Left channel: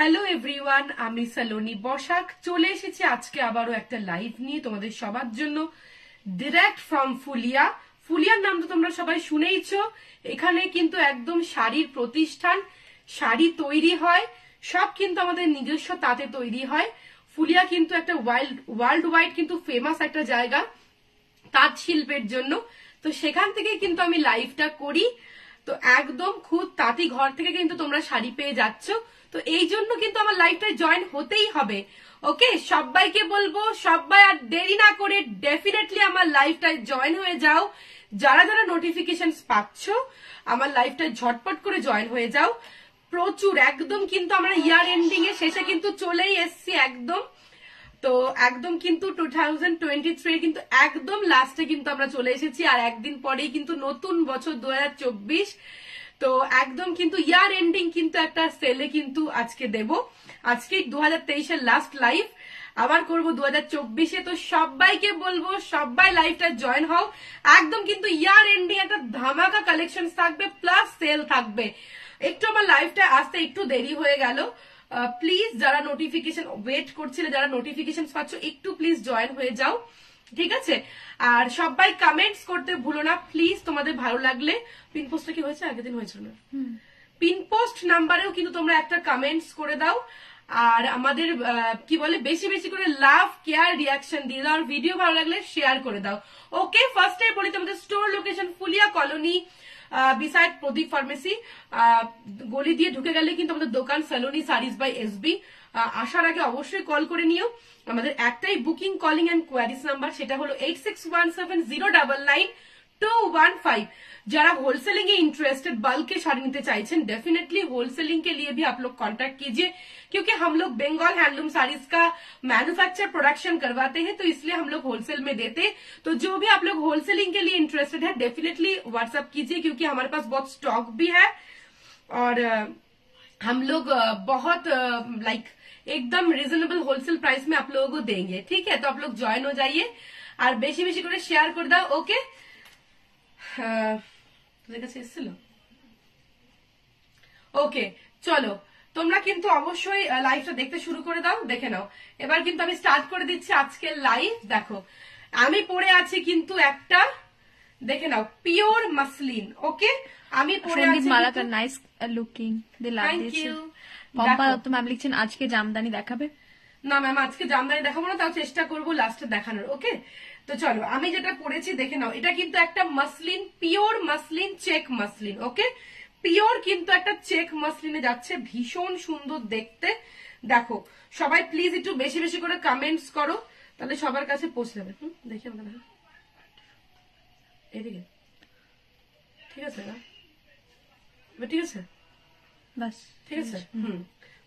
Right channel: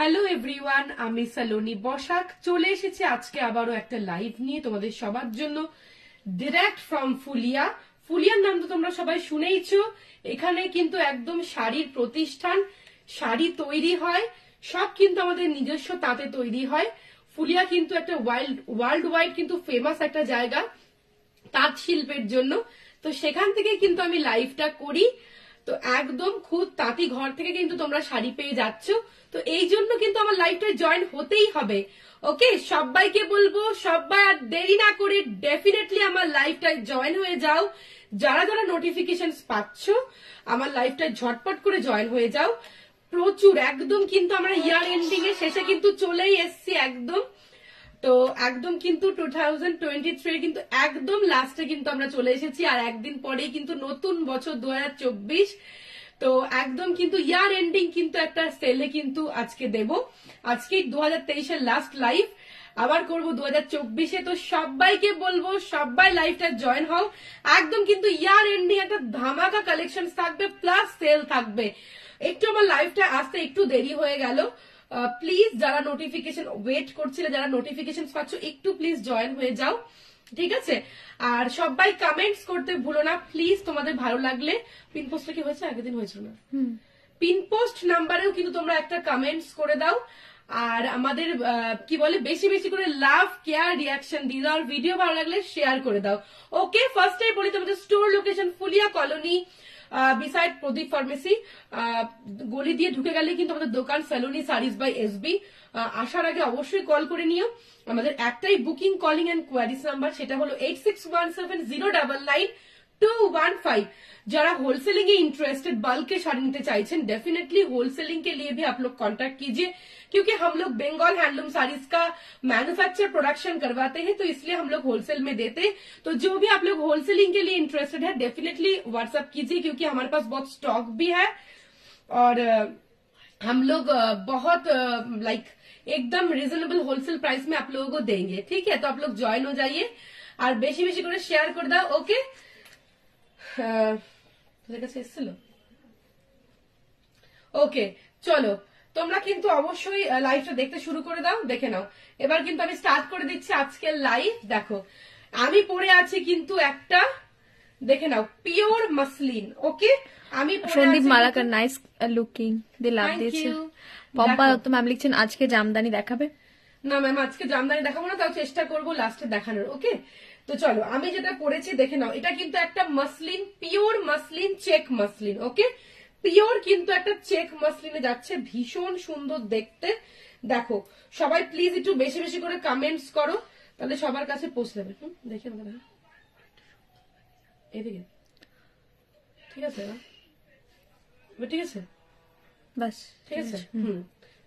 Hello everyone, আমি সালোনি বসাক চলে এসেছি আজকে আবারও একটা লাইভ নিয়ে তোমাদের সবার জন্য, ডিরেক্ট ফ্রম ফুলিয়া। ফুলিয়ার নাম তো তোমরা সবাই শুনেইছো। এখানে কিন্তু একদম শাড়ির প্রতিষ্ঠান, শাড়ি তৈরি হয়, সব কিন্তু আমাদের নিজস্ব তাঁতে তৈরি হয়। ফুলিয়া কিন্তু একটা ওয়ার্ল্ড ওয়াইড কিন্তু ফেমাস একটা জায়গা তাঁত শিল্পের জন্য। তো সেখান থেকে কিন্তু আমি লাইভটা করি। তো একদম খুব তাঁতি ঘর থেকে কিন্তু তোমরা শাড়ি পেয়ে যাচ্ছ। তো এই জন্য কিন্তু আমার লাইভটায় জয়েন হতেই হবে। ওকে, সবাইকে বলবো সবাই আর দেরি না করে ডেফিনেটলি আমার লাইভটায় জয়েন হয়ে যাও। যারা যারা নোটিফিকেশন পাচ্ছ আমার লাইভটায় ঝটপট করে জয়েন হয়ে যাও। প্রচুর একদম কিন্তু আমরা ইয়ার এন্ডিং এর শেষে কিন্তু চলেই এসছি একদম। তো একদম কিন্তু 2023 কিন্তু একদম লাস্টে কিন্তু আমরা চলে এসেছি, আর একদিন পরেই কিন্তু নতুন বছর 2024। তো একদম কিন্তু ইয়ার এন্ডিং কিন্তু একটা সেলে কিন্তু আজকে দেব। আজকে 2023 লাস্ট লাইভ, আবার করব 2024। তো সবাইকে বলবো সবাই লাইভটা জয়েন হও। একদম কিন্তু ইয়ার এন্ডিং একটা ধামাকা কালেকশন থাকবে, প্লাস সেল থাকবে। একটু আমার লাইভটা আসতে একটু দেরি হয়ে গেল। প্লিজ যারা নোটিফিকেশন ওয়েট করছিলে, যারা নোটিফিকেশন পাচ্ছ, একটু প্লিজ জয়েন হয়ে যাও, ঠিক আছে? আর সবাই কমেন্টস করতে ভুলো না প্লিজ, তোমাদের ভালো লাগলে। পিন পোস্টটা কি হয়েছে? আগের দিন হয়েছিল না? পিন পোস্ট নাম্বারেও কিন্তু তোমরা একটা কমেন্টস করে দাও। আর আমাদের কি বলে, বেশি বেশি করে লাভ, কেয়ার, রিয়াকশন দিয়ে দাও। আর ভিডিও ভালো লাগলে শেয়ার করে দাও। ওকে, ফার্স্টে বলি তোমাদের store location Phulia colony, beside Pradip pharmacy. গলি দিয়ে ঢুকে গেলে কিন্তু আমাদের দোকান সালোনি শাড়িজ বাই এসবি। আসার আগে অবশ্যই কল করে নিও। আমাদের একটাই booking, calling and queries number, সেটা হলো 8617099215। जरा होलसेलिंग में इंटरेस्टेड, बल्क के साड़ी निते चाहते हैं, डेफिनेटली होलसेलिंग के लिए भी आप लोग कांटेक्ट कीजिए, क्योंकि हम लोग बंगाल हैंडलूम साड़ीज का मैन्युफैक्चर प्रोडक्शन करवाते हैं, तो इसलिए हम लोग होलसेल में देते हैं। तो जो भी आप लोग होलसेलिंग के लिए इंटरेस्टेड है डेफिनेटली व्हाट्सएप कीजिए, क्योंकि हमारे पास बहुत स्टॉक भी है और हम लोग बहुत लाइक एकदम रिजनेबल होलसेल प्राइस में आप लोगों को देंगे, ठीक है? तो आप लोग ज्वाइन हो जाइए और बेशी बेशी करे शेयर कर दाओ। ओके, তোদের কাছে এসেছিল? ওকে, চলো তোমরা কিন্তু অবশ্যই লাইভটা দেখতে শুরু করে দাও, দেখে নাও। এবার কিন্তু আমি স্টার্ট করে দিচ্ছি আজকের লাইভ। দেখো আমি পরে আছি কিন্তু একটা, দেখে নাও, পিওর মাসলিন। ওকে, আমি সন্দীপ মালাকার নাইস লুকিং দি লাভ দিয়েছে। পম্পা তো ম্যাম লিখছেন আজকে জামদানি দেখাবে না ম্যাম, আজকে জামদানি দেখাবো না, তাও চেষ্টা করবো লাস্টে দেখানোর। ওকে, তো চলো আমি যেটা পরেছি দেখে নাও। এটা কিন্তু একটা muslin, pure muslin, check muslin. Okay, pure কিন্তু একটা চেক মাসলিনে যাচ্ছে, ভীষণ সুন্দর দেখতে। দেখো সবাই প্লিজ একটু বেশি বেশি করে কমেন্টস করো, তাহলে সবার কাছে পৌঁছে যাবে। দেখি আমাকে এদিকে, ঠিক আছে? ঠিক আছে, বাস ঠিক আছে।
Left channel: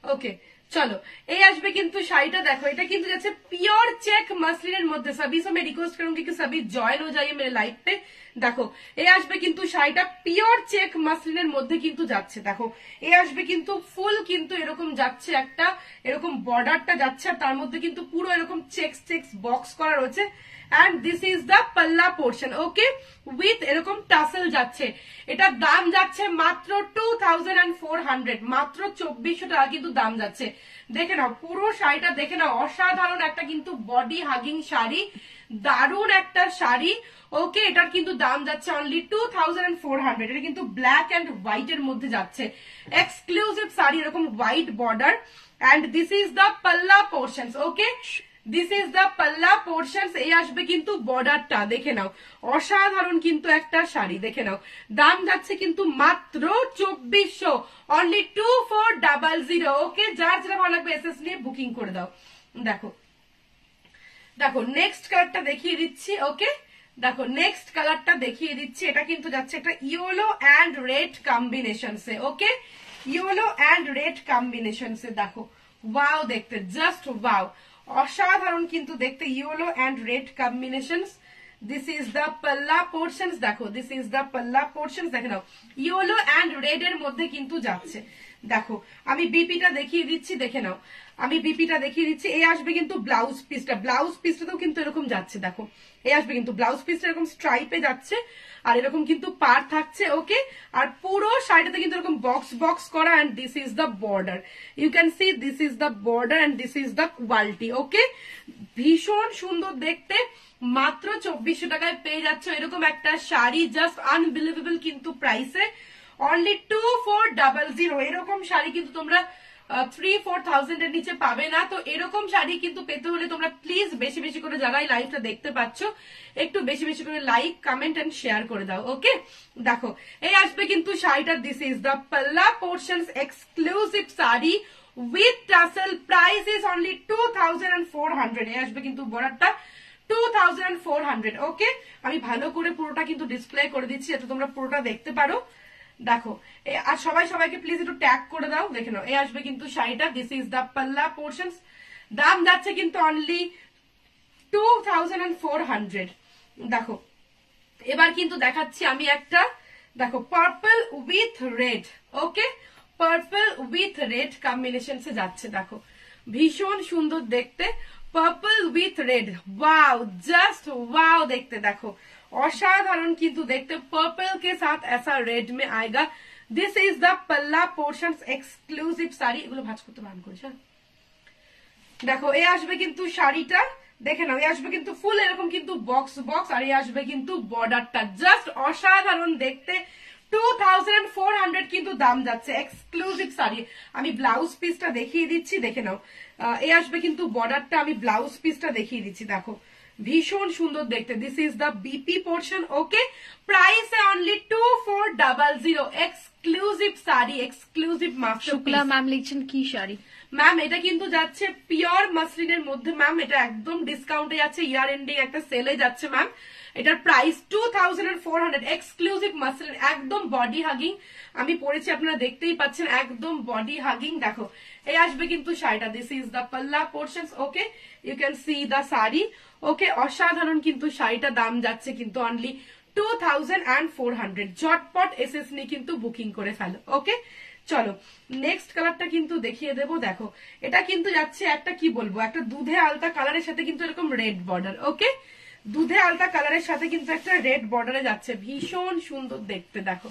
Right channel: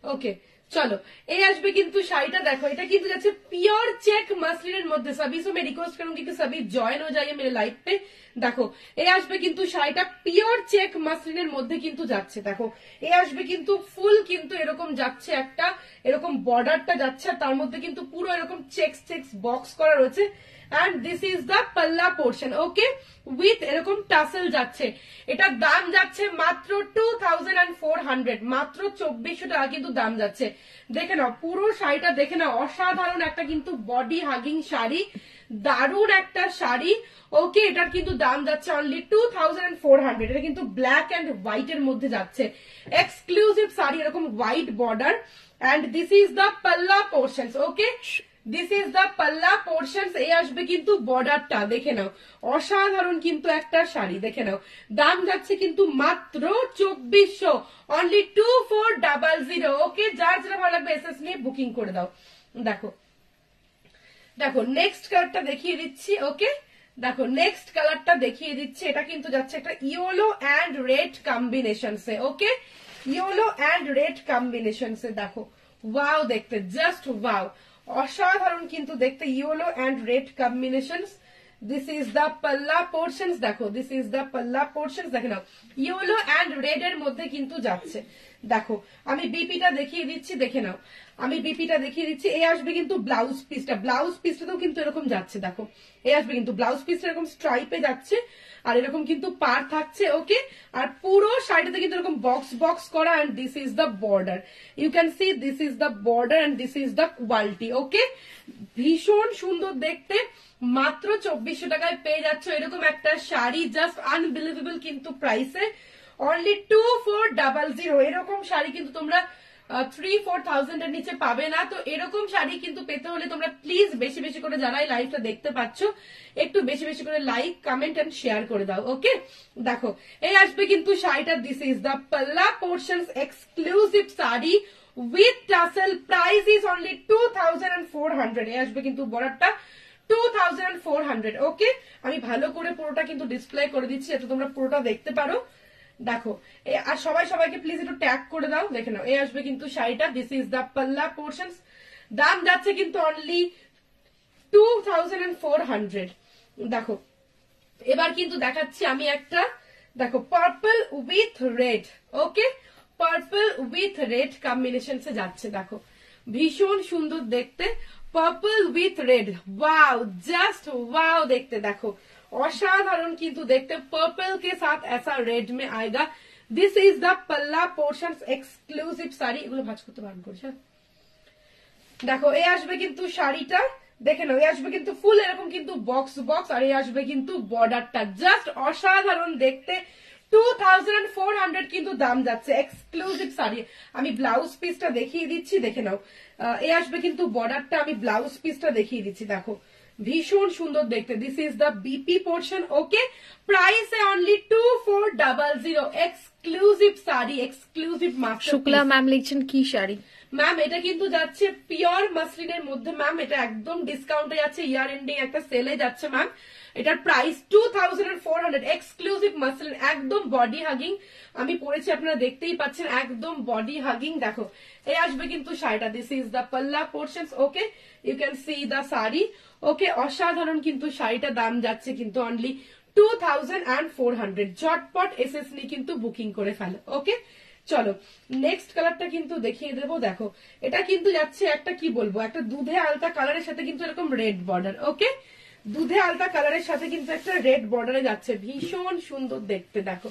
ওকে, চলো এই আসবে কিন্তু শাড়িটা। দেখো এটা কিন্তু যাচ্ছে পিওর চেক মাসলিনের মধ্যে। सभी से मैं रिक्वेस्ट करूंगी कि सभी জয়েন হয়ে যাইए मेरे लाइव पे। দেখো এই আসবে কিন্তু শাড়িটা পিওর চেক মাসলিনের মধ্যে কিন্তু যাচ্ছে। দেখো এই আসবে কিন্তু ফুল কিন্তু এরকম যাচ্ছে, একটা এরকম বর্ডারটা যাচ্ছে, আর তার মধ্যে কিন্তু পুরো এরকম চেক্স চেক্স বক্স করা রয়েছে। And this is the palla portion. Okay, with এরকম টাসেল যাচ্ছে। এটার দাম যাচ্ছে মাত্র 2400, মাত্র 2400 টাকা কিন্তু দাম যাচ্ছে। দেখে নাও পুরো শাড়িটা, দেখে নাও, অসাধারণ একটা কিন্তু বডি হাগিং শাড়ি, দারুণ একটা শাড়ি। ওকে, এটার কিন্তু দাম যাচ্ছে অনলি 2400। এটা কিন্তু ব্ল্যাক এন্ড হোয়াইট এর মধ্যে যাচ্ছে, এক্সক্লুসিভ শাড়ি, এরকম white border. And this is the palla portion. Okay, this is the palla portion. এই আসবে কিন্তু বর্ডারটা, দেখে নাও, অসাধারণ কিন্তু একটা শাড়ি। দেখে নাও দাম যাচ্ছে কিন্তু মাত্র 2400, অনলি 2400। ওকে, যার যেটা ভালো লাগবে এসএস নিয়ে বুকিং করে দাও। দেখো দেখো নেক্সট কালারটা দেখিয়ে দিচ্ছি। ওকে, দেখো নেক্সট কালারটা দেখিয়ে দিচ্ছি। এটা কিন্তু যাচ্ছে একটা ইয়েলো এন্ড রেড কম্বিনেশন সে। Okay, yellow and red combination সে। দেখো ওয়াও, দেখতে জাস্ট ওয়াও, অসাধারণ কিন্তু দেখতে, yellow and red combination. This is the palla portion. দেখো this is the palla portion. দেখে নাও ইয়েলো এন্ড রেড এর মধ্যে কিন্তু যাচ্ছে। দেখো আমি বিপিটা দেখিয়ে দিচ্ছি, দেখে নাও আমি বিপিটা দেখিয়ে দিচ্ছি। এই আসবে কিন্তু ব্লাউজ পিসটা, ব্লাউজ পিসটাতেও কিন্তু এরকম যাচ্ছে। দেখো এই আসবে কিন্তু ব্লাউজ পিসটা এরকম স্ট্রাইপে যাচ্ছে, আর এরকম কিন্তু পার থাকছে, ওকে। আর পুরো শাড়িটাতে কিন্তু এরকম বক্স বক্স করা, and this is the border, you can see this is the border and this is the quality, okay. ভীষণ সুন্দর দেখতে, মাত্র 2400 টাকায় পেয়ে যাচ্ছ এরকম একটা শাড়ি, জাস্ট আনবিলিভেবল কিন্তু প্রাইসে, অনলি 2400। এরকম শাড়ি কিন্তু তোমরা 3-4,000 এর নিচে পাবে না। তো এরকম শাড়ি কিন্তু পেতে হলে তোমরা প্লিজ বেশি বেশি করে, যারা এই লাইভটা দেখতে পাচ্ছ, একটু বেশি বেশি করে লাইক, কমেন্ট এন্ড শেয়ার করে দাও, ওকে। দেখো এই আসবে কিন্তু শাড়িটা, this is the palla portions exclusive sari with tassel, price is only 2400। এই আসবে কিন্তু বর্ডারটা 2400, ওকে। আমি ভালো করে পুরোটা কিন্তু ডিসপ্লে করে দিচ্ছি যাতে তোমরা পুরোটা দেখতে পারো। দেখো আর সবাই সবাইকে প্লিজ একটু ট্যাগ করে দাও, দেখে নাও। এই আসবে কিন্তু শাড়িটা, this is the palla portions, দাম যাচ্ছে কিন্তু অনলি 2400। দেখো এবার কিন্তু দেখাচ্ছি আমি একটা, দেখো purple with red, okay, purple with red combination সে যাচ্ছে, দেখো ভীষণ সুন্দর দেখতে, purple with red, wow, just wow देखते, देखो असाधारण किंतु देखते, पर्पल के साथ ऐसा रेड में आएगा। दिस इज द पल्ला पोर्शंस एक्सक्लूसिव শাড়ি, এগুলো ভাঁজ করতে বারণ করছে। দেখো এই আসবে কিন্তু শাড়িটা, দেখে নাও, এই আসবে কিন্তু ফুল এরকম কিন্তু বক্স বক্স, আর এই আসবে কিন্তু বর্ডারটা, জাস্ট অসাধারণ দেখতে। 2400 কিন্তু দাম যাচ্ছে, এক্সক্লুসিভ শাড়ি। আমি ব্লাউজ পিসটা দেখিয়ে দিচ্ছি, দেখে নাও। এই আসবে কিন্তু বর্ডারটা, আমি ব্লাউজ পিসটা দেখিয়ে দিচ্ছি, দেখো ভীষণ সুন্দর দেখতে। This is the BP portion, okay, price only 2400। Exclusive sari, exclusive masterpiece. Shukla ma'am লিখছেন কি শাড়ি? ম্যাম এটা কিন্তু যাচ্ছে পিওর মাসলিনের মধ্যে, ম্যাম এটা একদম ডিসকাউন্টে যাচ্ছে, ইয়ার এন্ডিং একটা সেলে যাচ্ছে ম্যাম। এটার প্রাইস 2400, এক্সক্লুসিভ মাসলিন, একদম বডি হাগিং। আমি পরেছি, আপনারা দেখতেই পাচ্ছেন, একদম বডি হাগিং। দেখো এই আসবে কিন্তু শাড়িটা, this is the palla portions, okay, you can see the sari, okay. অসাধারণ কিন্তু শাড়িটা, দাম যাচ্ছে কিন্তু অনলি 2400। ঝটপট এসএস নিয়ে কিন্তু বুকিং করে ফেলো, ওকে। চলো নেক্সট কালারটা কিন্তু দেখিয়ে দেবো। দেখো এটা কিন্তু যাচ্ছে একটা, কি বলবো, একটা দুধে আলতা কালারের সাথে কিন্তু এরকম রেড বর্ডার, ওকে, দুধে আলতা কালারের সাথে কিন্তু একটা রেড বর্ডারে যাচ্ছে, ভীষণ সুন্দর দেখতে। দেখো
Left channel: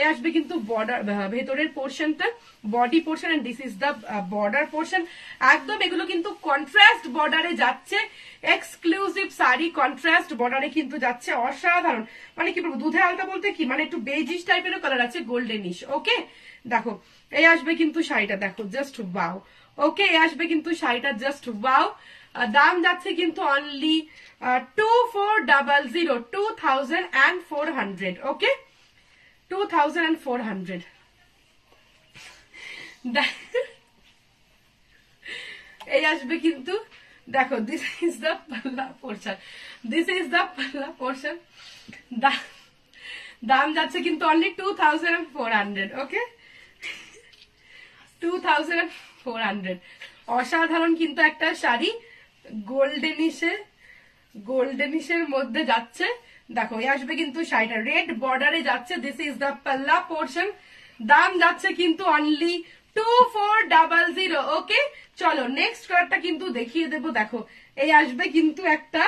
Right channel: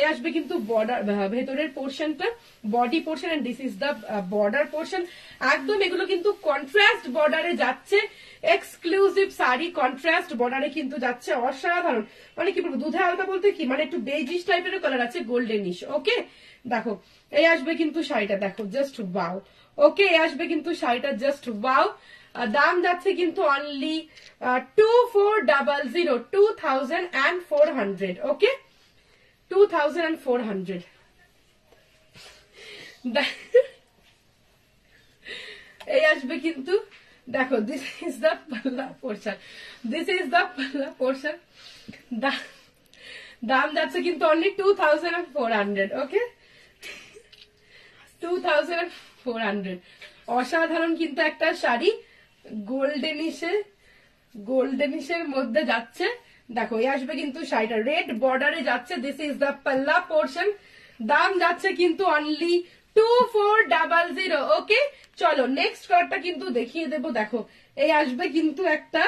এ আসবে কিন্তু বর্ডার, ভেতরের পোর্শনটা body portion, and this is the border portion. একদম এগুলো কিন্তু কন্ট্রাস্ট বর্ডারে যাচ্ছে, এক্সক্লুসিভ শাড়ি, কন্ট্রাস্ট বর্ডারে কিন্তু যাচ্ছে, অসাধারণ। মানে কি বলবো, দুধে আলতা বলতে কি, মানে একটু বেজিশ টাইপের কালার আছে, গোল্ডেনিশ, ওকে। দেখো এই আসবে কিন্তু শাড়িটা, দেখো জাস্ট ওয়াও, ওকে। এই আসবে কিন্তু শাড়িটা, জাস্ট ওয়াও। দাম যাচ্ছে কিন্তু অনলি 2400, 2400, ওকে, 2400। এই আসবে কিন্তু, দেখো this is the palla portion, this is the palla portion, দাম যাচ্ছে কিন্তু অনলি 2400, ওকে, 2400। অসাধারণ কিন্তু একটা শাড়ি, গোল্ডেনিশের মধ্যে যাচ্ছে। দেখো এই আসবে কিন্তু শাড়িটা রেড বর্ডারে যাচ্ছে, this is the palla portion, দাম যাচ্ছে কিন্তু অনলি 2400, ওকে। চলো নেক্সট কালারটা কিন্তু দেখিয়ে দেবো। দেখো এই আসবে কিন্তু একটা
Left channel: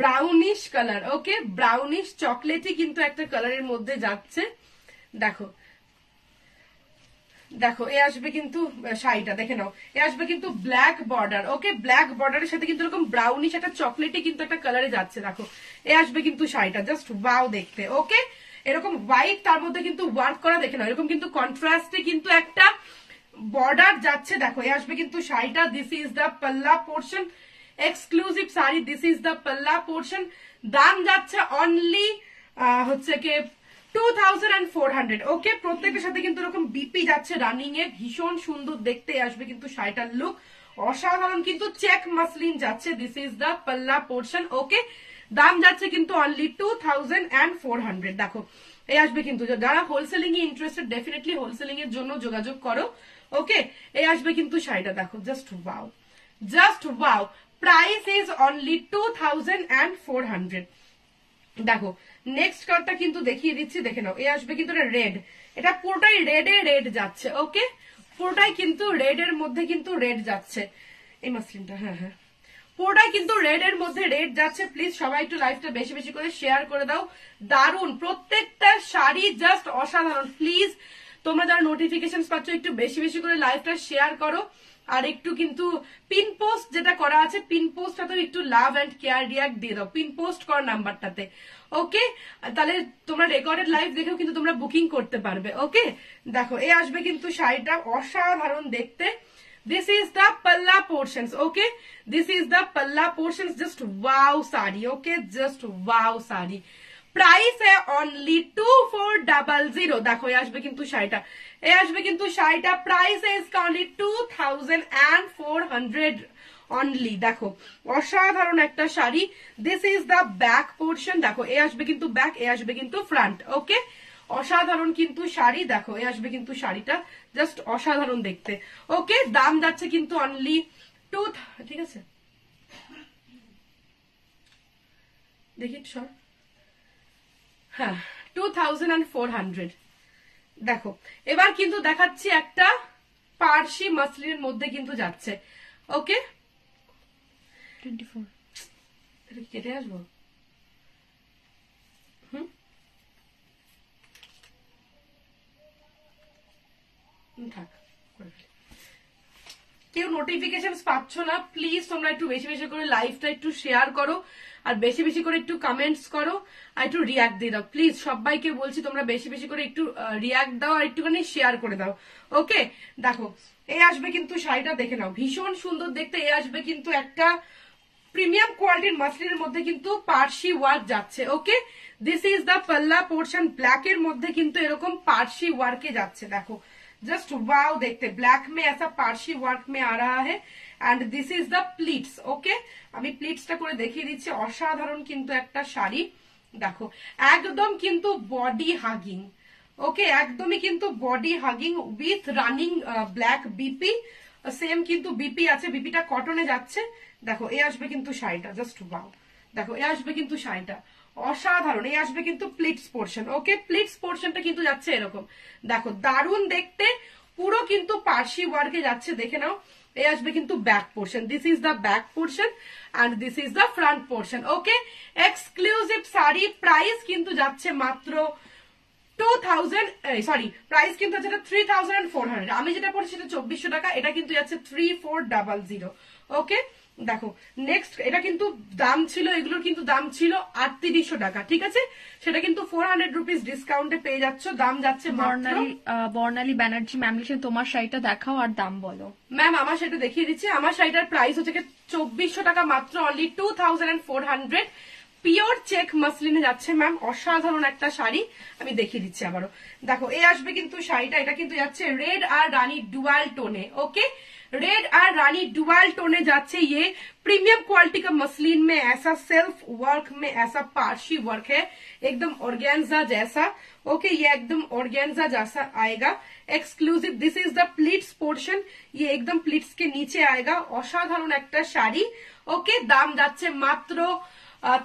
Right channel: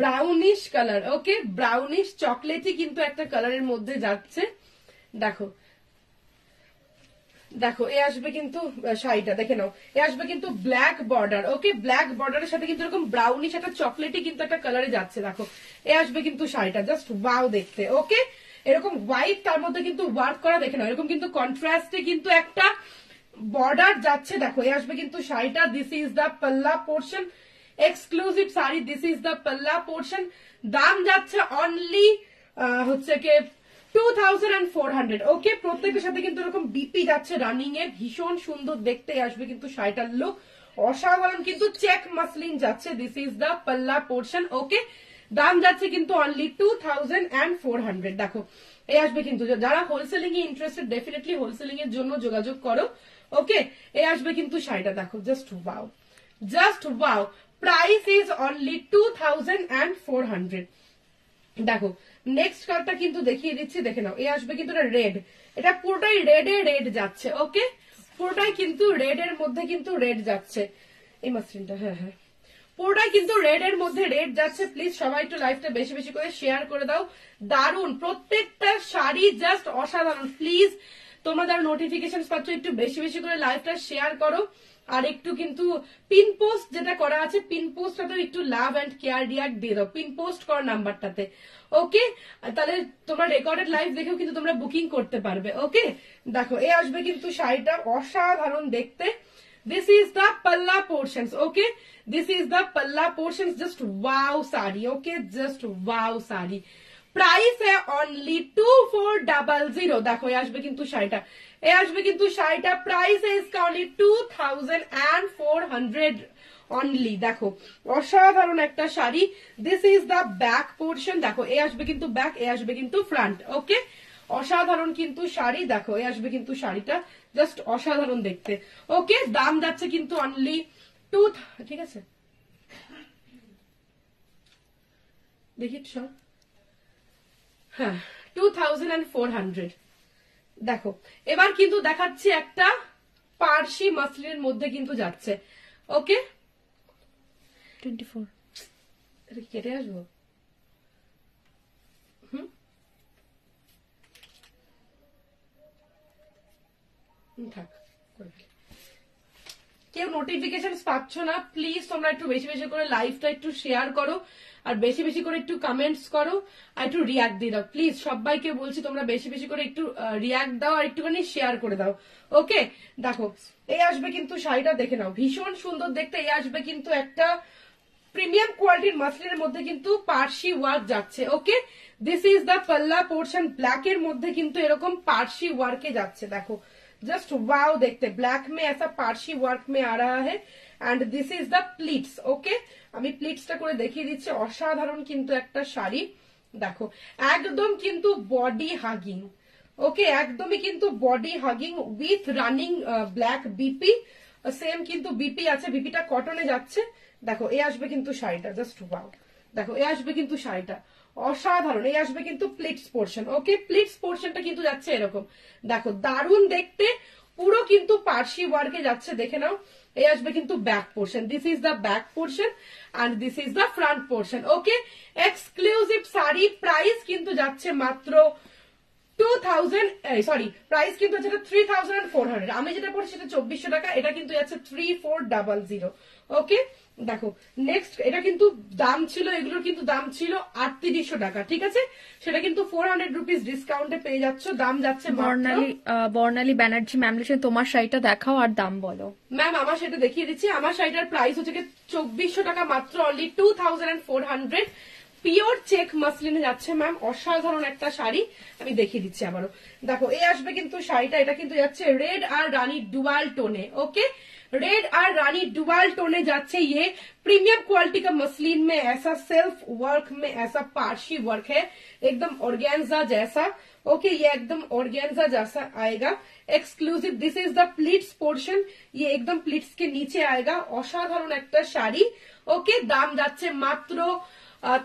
ব্রাউনিশ কালার, ওকে, ব্রাউনিশ চকলেটি কিন্তু একটা কালারের মধ্যে যাচ্ছে। দেখো দেখো এ আসবে কিন্তু শাড়িটা, দেখে নাও, এ আসবে কিন্তু ব্ল্যাক বর্ডার, ওকে, ব্ল্যাক বর্ডারের সাথে কিন্তু এরকম ব্রাউনিশ একটা চকলেটি কিন্তু একটা কালারে যাচ্ছে। দেখো এ আসবে কিন্তু শাড়িটা, জাস্ট ওয়াও দেখতে, ওকে। এরকম হোয়াইট, তার মধ্যে কিন্তু ওয়ার্ক করা, দেখে নাও, এরকম কিন্তু কন্ট্রাস্টে কিন্তু একটা বর্ডার যাচ্ছে। দেখো এ আসবে কিন্তু শাড়িটা, this is the palla portion, exclusive sari, this is the palla portion. দাম যাচ্ছে অনলি হচ্ছে কি 2400, ওকে। প্রত্যেকের সাথে কিন্তু এরকম বিপি যাচ্ছে রানিং এ, ভীষণ সুন্দর দেখতে আসবে কিন্তু শাড়িটার লুক, অসাধারণ কিন্তু চেক মাসলিন যাচ্ছে, this is the palla portion, ওকে। দাম যাচ্ছে কিন্তু অনলি 2400। দেখো এই আসবে কিন্তু, যারা হোলসেলিং এ ইন্টারেস্টেড, ডেফিনেটলি হোলসেলিং এর জন্য যোগাযোগ করো, ওকে। এই আসবে কিন্তু শাড়িটা, দেখো just wow, just wow, price is only 2400। দেখো নেক্সট কালারটা কিন্তু দেখিয়ে দিচ্ছি, দেখে নাও, এ আসবে কিন্তু রেড, এটা পুরোটাই রেড যাচ্ছে, ওকে, পুরোটাই কিন্তু রেড এর মধ্যে কিন্তু রেড যাচ্ছে এই মাসলিনটা, হ্যাঁ হ্যাঁ, পুরোটাই কিন্তু রেড এর মধ্যে রেড যাচ্ছে। প্লিজ সবাই একটু লাইভটা বেশি বেশি করে শেয়ার করে দাও। দারুন প্রত্যেকটা শাড়ি, জাস্ট অসাধারণ। প্লিজ তোমরা যারা নোটিফিকেশন পাচ্ছ একটু বেশি বেশি করে লাইভটা শেয়ার করো। আর একটু কিন্তু পিন পোস্ট যেটা করা আছে, পিন পোস্টটা তো একটু লাভ এন্ড কেয়ার রিয়াক্ট দিয়ে দাও পিন পোস্ট করার নাম্বারটাতে। ওকে, তাহলে তোমরা রেকর্ডেড লাইভ দেখেও কিন্তু তোমরা বুকিং করতে পারবে। ওকে, দেখো এই আসবে কিন্তু শাড়িটা অসাধারণ দেখতে। This is the palla portions. Okay, this is the palla portions. Just wow sari. Okay, just wow sari. Price है only 2400. देखो ये আসবে কিন্তু শাড়িটা, এই আসবে কিন্তু শাড়িটা। প্রাইস है इसका only 2400 অনলি। দেখো অসাধারণ একটা sari. This is the back portion. দেখো এ আসবে কিন্তু ব্যাক, এ আসবে কিন্তু ফ্রন্ট। ওকে, অসাধারণ কিন্তু শাড়ি। দেখো এ আসবে কিন্তু শাড়িটা, জাস্ট অসাধারণ দেখতে। ওকে, দাম যাচ্ছে কিন্তু অনলি ঠিক আছে দেখি সর, হ্যাঁ 2400। দেখো এবার কিন্তু দেখাচ্ছি একটা পার্সি মাসলিনের মধ্যে কিন্তু যাচ্ছে। ওকে 24 এটা কেটে আসবো। থাক, কেউ নোটিফিকেশন পাচ্ছ না, প্লিজ তোমরা একটু বেশি বেশি করে লাইভটা একটু শেয়ার করো, আর বেশি বেশি করে একটু কমেন্টস করো, আর একটু রিয়াক্ট দিয়ে দাও। প্লিজ সবাইকে বলছি তোমরা বেশি বেশি করে একটু রিয়াক্ট দাও আর একটুখানি শেয়ার করে দাও। ওকে, দেখো এই আসবে কিন্তু শাড়িটা, দেখে নাও ভীষণ সুন্দর দেখতে। এই আসবে কিন্তু একটা প্রিমিয়াম কোয়ালিটির মাসলিনের মধ্যে কিন্তু পার্সি ওয়ার্ক যাচ্ছে। ওকে, this is the palla portion. Black এর মধ্যে কিন্তু এরকম পার্সি ওয়ার্কে যাচ্ছে। দেখো जस्ट वाओ देखते, ब्लैक में ऐसा पार्सी वर्क में आ रहा है and this is the pleats. Okay, আমি প্লিটসটা করে দেখিয়ে দিচ্ছি। অসাধারণ কিন্তু একটা শাড়ি। দেখো একদম কিন্তু বডি হাগিং। ওকে, একদমই কিন্তু body hugging with running black BP. Same কিন্তু বিপি আছে, বিপিটা কটনে যাচ্ছে। দেখো এ আসবে কিন্তু শাড়িটা, জাস্ট ওয়াও। দেখো এ আসবে কিন্তু শাড়িটা অসাধারণ। এই আসবে কিন্তু প্লিটস পোর্শন। ওকে, প্লিটস পোর্শনটা কিন্তু যাচ্ছে এরকম। দেখো দারুণ দেখতে, পুরো কিন্তু পার্সি ওয়ার্কে যাচ্ছে, দেখে নাও। এই আসবে কিন্তু back portion. This is the back portion and this is the front portion. Okay, exclusive sari. Price কিন্তু যাচ্ছে মাত্র 2000, সরি প্রাইস কিন্তু যেটা 3400। আমি যেটা পড়ছি সেটা 2400 টাকা, এটা কিন্তু যাচ্ছে 3400। ওকে, দেখো নেক্সট, এটা কিন্তু দাম ছিল, এগুলোর কিন্তু দাম ছিল 3800 টাকা, ঠিক আছে? সেটা কিন্তু 400 রুপিস ডিসকাউন্টে পেয়ে যাচ্ছ। দাম যাচ্ছে বর্ণালী ব্যানার্জি ম্যাম লিখেছেন তোমার শাড়িটা দেখাও আর দাম বলো। ম্যাম আমার শাড়িটা দেখিয়ে দিচ্ছি। আমার শাড়িটার প্রাইস হচ্ছে 2400 টাকা মাত্র, অনলি 2400। পিওর চেক মাসলিনে যাচ্ছে ম্যাম, অসাধারণ একটা শাড়ি। আমি দেখিয়ে দিচ্ছি আবারও। দেখো এই আসবে কিন্তু শাড়িটা, এটা কিন্তু যাচ্ছে রেড আর রানী ডুয়াল টোনে। ओके, रेड और रानी डुअल टोने जाच्छे। ये प्रीमियम क्वालिटी का मसलिन में ऐसा सेल्फ वर्क में ऐसा पार्शी वर्क है, एकदम ऑर्गेन्जा जैसा। ओके, ये एकदम ऑर्गेन्जा जैसा आएगा, exclusive. This is the pleats portion, ये एकदम प्लिट्स के नीचे आएगा। असाधारण একটা শাড়ি। ओके, दाम যাচ্ছে মাত্র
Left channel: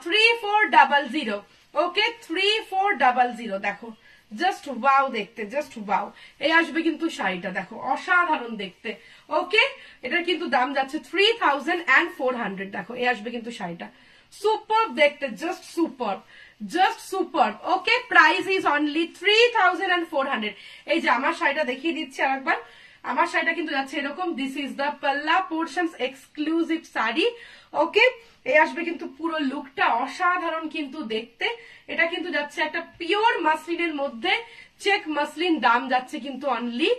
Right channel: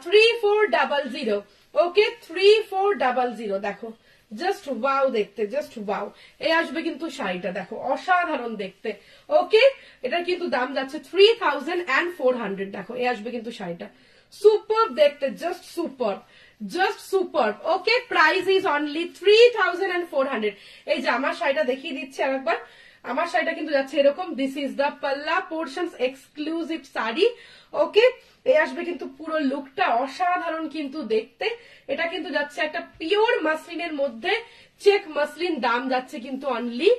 3400। ओके, 3400। দেখো জাস্ট ওয়াও দেখতে, জাস্ট ওয়াও। এই আসবে কিন্তু শাড়িটা, দেখো অসাধারণ দেখতে। ওকে, এটার কিন্তু দাম যাচ্ছে 3400। দেখো এই আসবে কিন্তু শাড়িটা, সুপার দেখতে, just super, just super. Okay, price is only 3400। এই যে আমার শাড়িটা দেখিয়ে দিচ্ছি আর একবার। আমার শাড়িটা কিন্তু যাচ্ছে এরকম। This is the palla portions exclusive sari. ওকে, এই আসবে কিন্তু পুরো লুকটা অসাধারণ কিন্তু দেখতে। এটা কিন্তু যাচ্ছে একটা পিওর মাসলিনের মধ্যে, চেক মাসলিন। দাম যাচ্ছে কিন্তু অনলি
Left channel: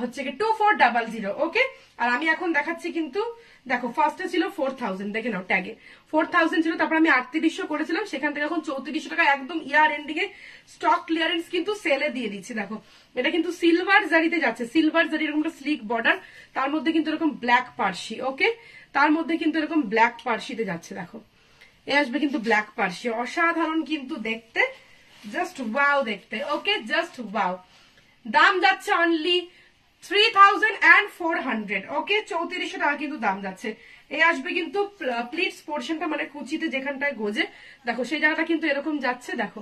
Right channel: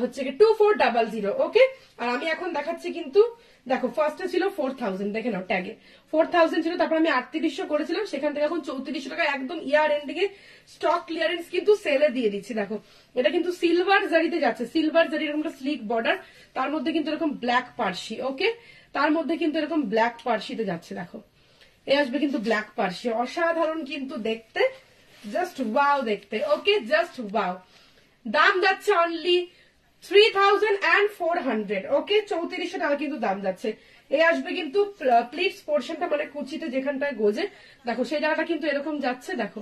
হচ্ছে 2400। ওকে, আর আমি এখন দেখাচ্ছি কিন্তু, দেখো ফার্স্টে ছিল 4000, দেখে নাও ট্যাগে 4000 ছিল, তারপর আমি 3800 করেছিলাম, সেখান থেকে এখন 3400 টাকা একদম ইয়ার এন্ডিং এ স্টক ক্লিয়ারেন্স কিন্তু সেলে দিয়ে দিচ্ছি। দেখো এটা কিন্তু সিলভার জারিতে যাচ্ছে, সিলভার জারি এরকম একটা স্লিক বর্ডার, তার মধ্যে কিন্তু এরকম ব্ল্যাক পার্সি। ওকে, তার মধ্যে কিন্তু এরকম ব্ল্যাক পার্সিতে যাচ্ছে। দেখো এ আসবে কিন্তু ব্ল্যাক পার্সি, অসাধারণ কিন্তু দেখতে, জাস্ট ওয়াও দেখতে। ওকে, জাস্ট ওয়াও। দাম যাচ্ছে অনলি 3400। ওকে, 3400 টাকা কিন্তু দাম যাচ্ছে। এই আসবে কিন্তু প্লিটস পোর্শনটা, মানে কুচিতে যেখানটায় গোজে, দেখো সেই জায়গাটা কিন্তু এরকম যাচ্ছে। দেখো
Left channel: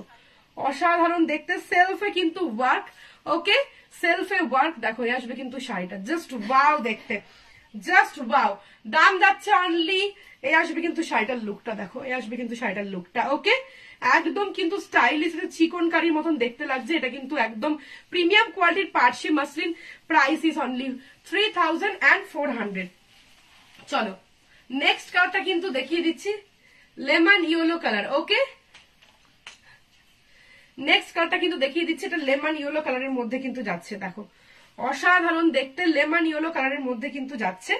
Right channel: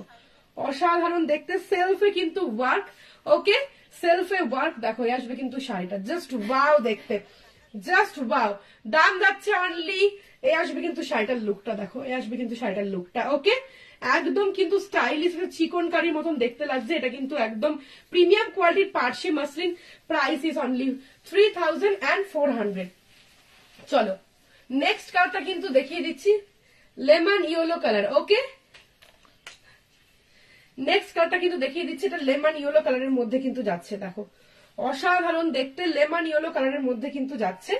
অসাধারণ দেখতে, সেলফে কিন্তু ওয়ার্ক। ওকে, সেলফে ওয়ার্ক। দেখো এই আসবে কিন্তু শাড়িটা, জাস্ট ওয়াও দেখতে, জাস্ট ওয়াও। দাম যাচ্ছে অনলি এই আসবে কিন্তু শাড়িটার লুকটা দেখো, এই আসবে কিন্তু শাড়িটার লুকটা। ওকে, একদম কিন্তু স্টাইলিশ, চিকনকারির মতন দেখতে লাগছে। এটা কিন্তু একদম প্রিমিয়াম কোয়ালিটির Parsi muslin. Price is only 3400। চলো নেক্সট কালারটা কিন্তু দেখিয়ে দিচ্ছি, lemon yellow colour. Okay, next কালারটা কিন্তু দেখিয়ে দিচ্ছি, এটা লেমন ইয়েলো কালারের মধ্যে কিন্তু যাচ্ছে। দেখো অসাধারণ দেখতে, লেমন ইয়েলো কালারের মধ্যে কিন্তু যাচ্ছে।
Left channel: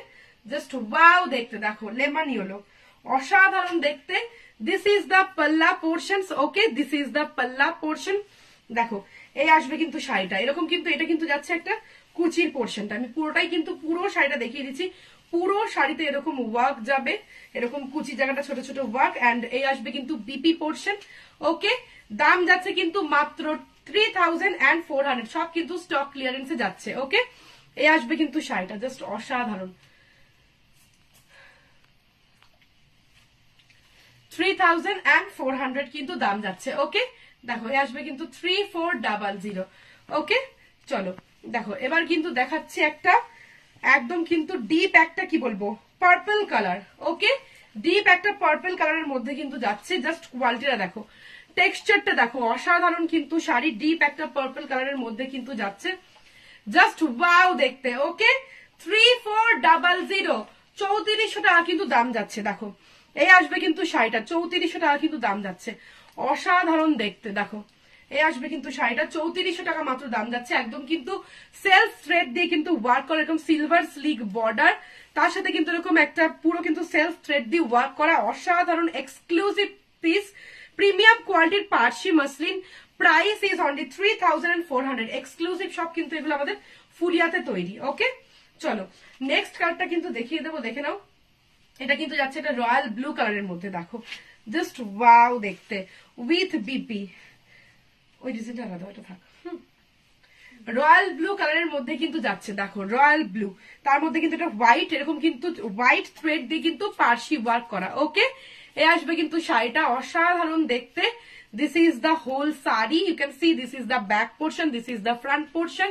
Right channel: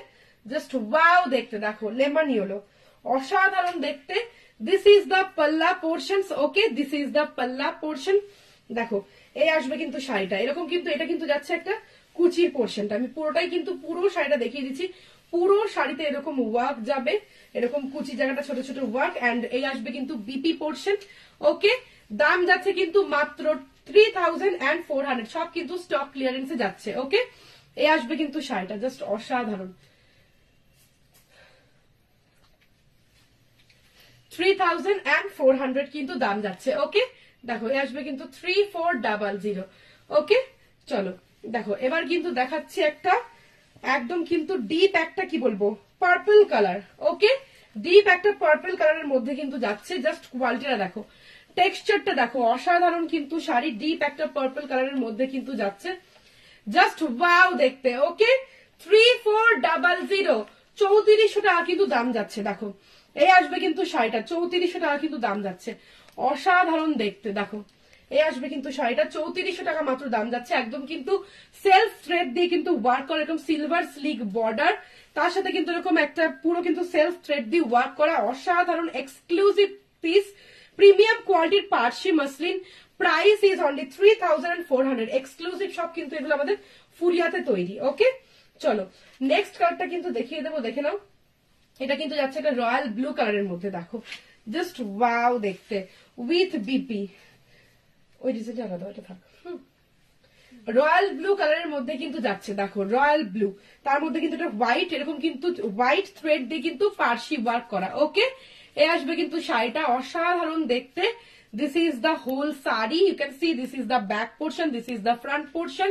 জাস্ট ওয়াও দেখতে, দেখো লেমন ইয়েলো, অসাধারণ দেখতে। This is the palla portion. Okay, this is the palla portion. দেখো এই আসবে কিন্তু শাড়িটা এরকম, কিন্তু এটা কিন্তু যাচ্ছে একটা কুচির পোর্শনটা। আমি পুরোটাই কিন্তু পুরো শাড়িটা দেখিয়ে দিচ্ছি। পুরো শাড়িতে এরকম ওয়ার্ক যাবে, এরকম কুচি জায়গাটা ছোট ছোট ওয়ার্ক, এন্ড এই আসবে কিন্তু বিপি পোর্শন। ওকে, দাম যাচ্ছে কিন্তু মাত্র 3400, সব কিন্তু স্টক ক্লিয়ারেন্সে যাচ্ছে। ওকে, এই আসবে কিন্তু শাড়িটা, জাস্ট অসাধারণ। 3400 কিন্তু দাম যাচ্ছে। ওকে, দেখো এই আসবে কিন্তু 3400। ওকে, চলো দেখো এবার কিন্তু দেখাচ্ছি একটা একদম কিন্তু ডিপ একটা কি বলবো পার্পল কালার। ওকে, ডিপ একটা পার্পল কালারের মধ্যে কিন্তু যাচ্ছে। জাস্ট কোয়ালিটিটা দেখো, টেক্সচারটা দেখো, অসাধারণ কিন্তু শাড়ি। ডিপ একটা পার্পল কালারের মধ্যে কিন্তু যাচ্ছে, জাস্ট ওয়াও দেখতে। ওকে, 3400, 3400 টাকা কিন্তু দাম যাচ্ছে। দেখো এই আসবে কিন্তু শাড়িটা 3400 টাকা কিন্তু দাম যাচ্ছে, অসাধারণ দেখতে। দেখো এই আসবে কিন্তু শাড়িটা 3400 টাকা মাত্র দাম যাচ্ছে। একদম কিন্তু সেলফ থ্রেড দিয়ে কিন্তু ওয়ার্ক করা, এরকম সিলভার স্লিক বর্ডার, তার সাথে কিন্তু এরকম একটা পুরো কিন্তু সেলফ থ্রেড দিয়ে ওয়ার্ক করা, অসাধারণ এক্সক্লুসিভ পিস, প্রিমিয়াম কোয়ালিটির Parsi muslin. Price is only 3400। Exclusive সব কিন্তু এগুলো আমাদের ফুলিয়াতে তৈরি। ওকে, চলো নেক্সট কালারটা কিন্তু দেখিয়ে দেবো, দেখে নাও। এটা কিন্তু যাচ্ছে একটা রয়্যাল ব্লু কালারের মধ্যে। দেখো জাস্ট ওয়াও দেখতে, উইথ বিপি। ওই ডিজাইনটা আলাদা, ওটা থাক। রয়্যাল ব্লু কালারের মধ্যে কিন্তু যাচ্ছে। দেখো রয়্যাল ব্লু, তার মধ্যে কিন্তু এটা হোয়াইট, এরকম কিন্তু হোয়াইট থ্রেড দিয়ে কিন্তু পার্সি ওয়ার্ক করা। ওকে, এ আসবে কিন্তু শাড়িটা অসাধারণ দেখতে। This is the whole sari, you can see this is the back portion, this is the front portion.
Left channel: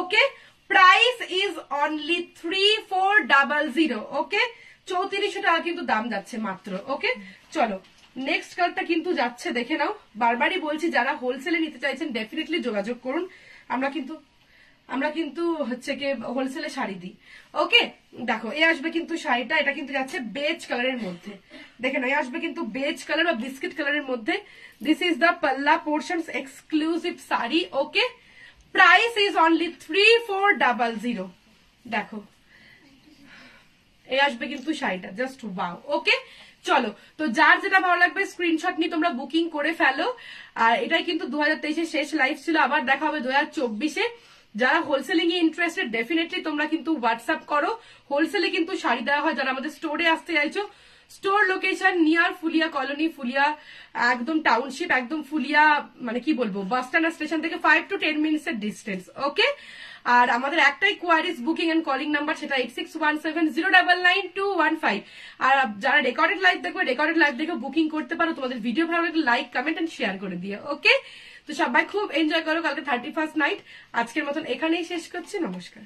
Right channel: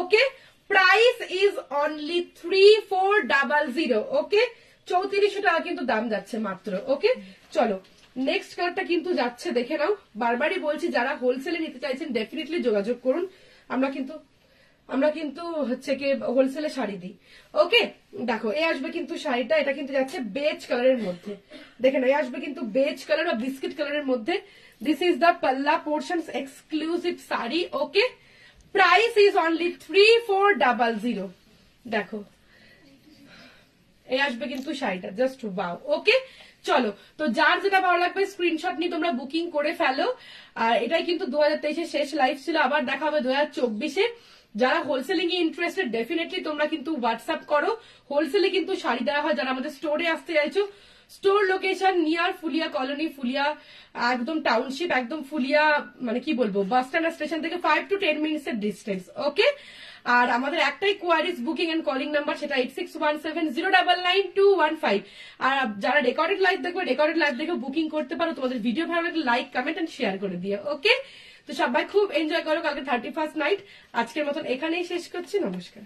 Okay, price is only 3400। Okay, 3400 টাকা কিন্তু দাম যাচ্ছে মাত্র। ওকে, চলো নেক্সট কালারটা কিন্তু যাচ্ছে, দেখে নাও। বারবারই বলছি যারা হোলসেলে নিতে চাইছেন ডেফিনেটলি যোগাযোগ করুন। আমরা কিন্তু হচ্ছে কি হোলসেলে শাড়ি দিই। ওকে, দেখো এ আসবে কিন্তু শাড়িটা, এটা কিন্তু যাচ্ছে বেজ কালারের মধ্যে। দেখে নাও, এ আসবে কিন্তু বেজ কালার বা বিস্কিট কালারের মধ্যে। This is the palla portion, exclusive sari. Okay, price is only 3400। দেখো এই আসবে কিন্তু শাড়িটা, জাস্ট ওয়াও। ওকে, চলো তো যার যেটা ভালো লাগবে স্ক্রিনশট নিয়ে তোমরা বুকিং করে ফেলো। আর এটাই কিন্তু 2023 শেষ লাইভ ছিল, আবার দেখা হবে 2024-এ। যারা হোলসেলিং এ ইন্টারেস্টেড ডেফিনেটলি তোমরা কিন্তু হোয়াটসঅ্যাপ করো। হোলসেলে কিন্তু শাড়ি দেওয়া হয়। যারা আমাদের স্টোরে আসতে চাইছো, store location near Phulia colony, Phulia একদম টাউনশিপ, একদম ফুলিয়া মানে কি বলবো বাস স্ট্যান্ড স্টেশন থেকে 5 to 10 মিনিটস এর ডিস্টেন্স। ওকে, আর আমাদের একটাই queries booking and calling number, সেটা 8617099215। আর যারা রেকর্ডেড লাইভ দেখবে, রেকর্ডেড লাইভ দেখে বুকিং করতে পারো। তোমাদের ভিডিও ভালো লাগলে লাইক কমেন্ট এন্ড শেয়ার করে দিও। ওকে, তো সবাই খুব এনজয় করো কালকে 31st নাইট। আজকের মতন এখানেই শেষ করছি, নমস্কার।